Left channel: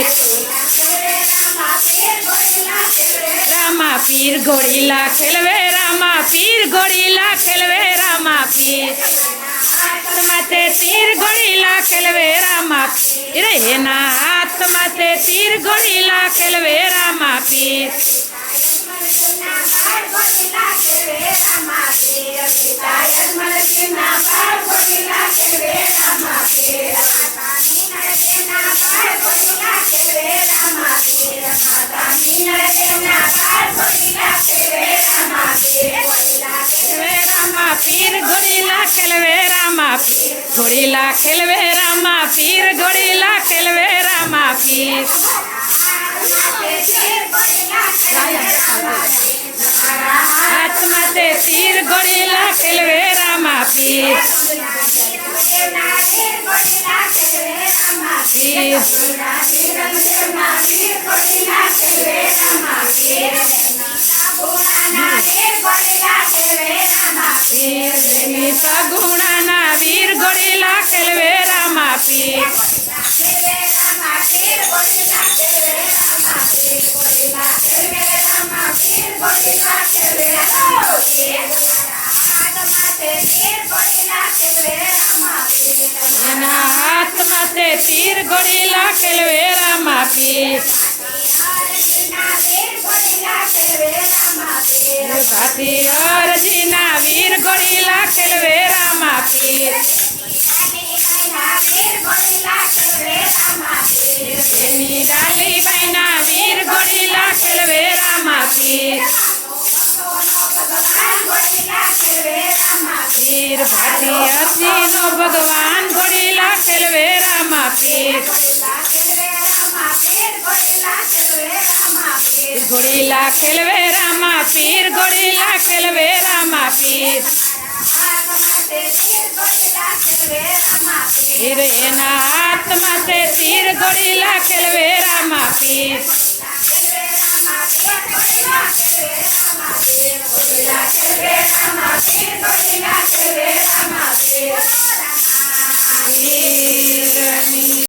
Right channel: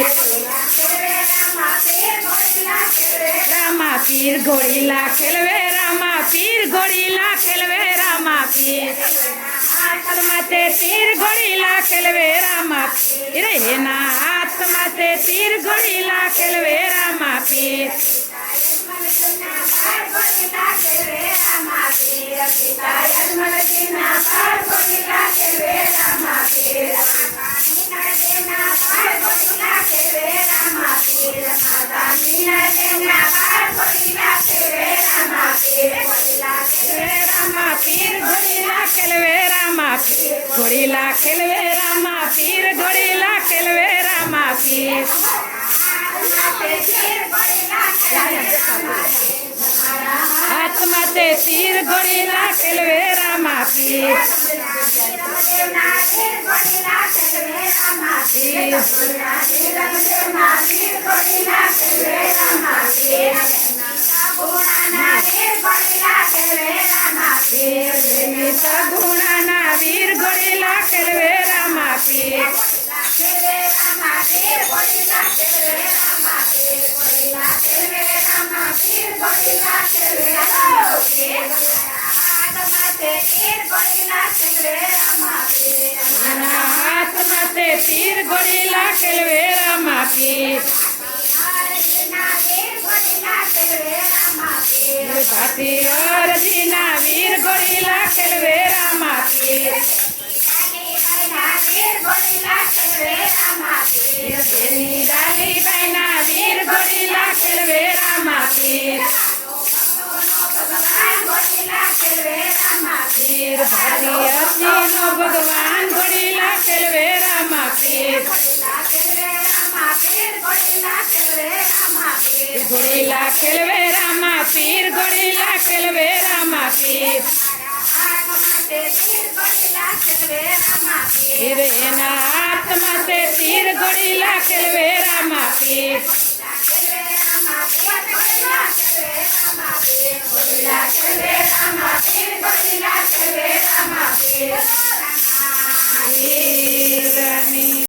पीर रामा पीर घोड़ीला खेलवे रामा पीर घोड़ीला खेलवे रामा पीर हाथ माथे तीर घोड़ीला खेलवे रामा पीर एना हाथ माथे तीर घोड़ीला खेलवे रामा पीर रामा पीर घोड़ीला खेलवे रामा पीर घोड़ीला खेलवे रामा पीर घोड़ीला खेलवे रामा पीर हाथ माथे तीर घोड़ीला खेलवे रामा पीर गुणाना वीर घोड़ीला खेलवे रामा पीर हाथ माथे तीर घोड़ीला खेलवे रामा पीर भाती अर्जीना वीर घोड़ीला खेलवे रामा पीर डाली बहना वीर घोड़ीला खेलवे रामा पीर पीर भाती अर्जीनो भगवान घोड़ीला खेलवे रामा पीर घोड़ीला खेलवे रामा पीर घोड़ीला खेलवे रामा पीर पीर एना हाथ माथे तीर घोड़ीला खेलवे रामा पीर Pir,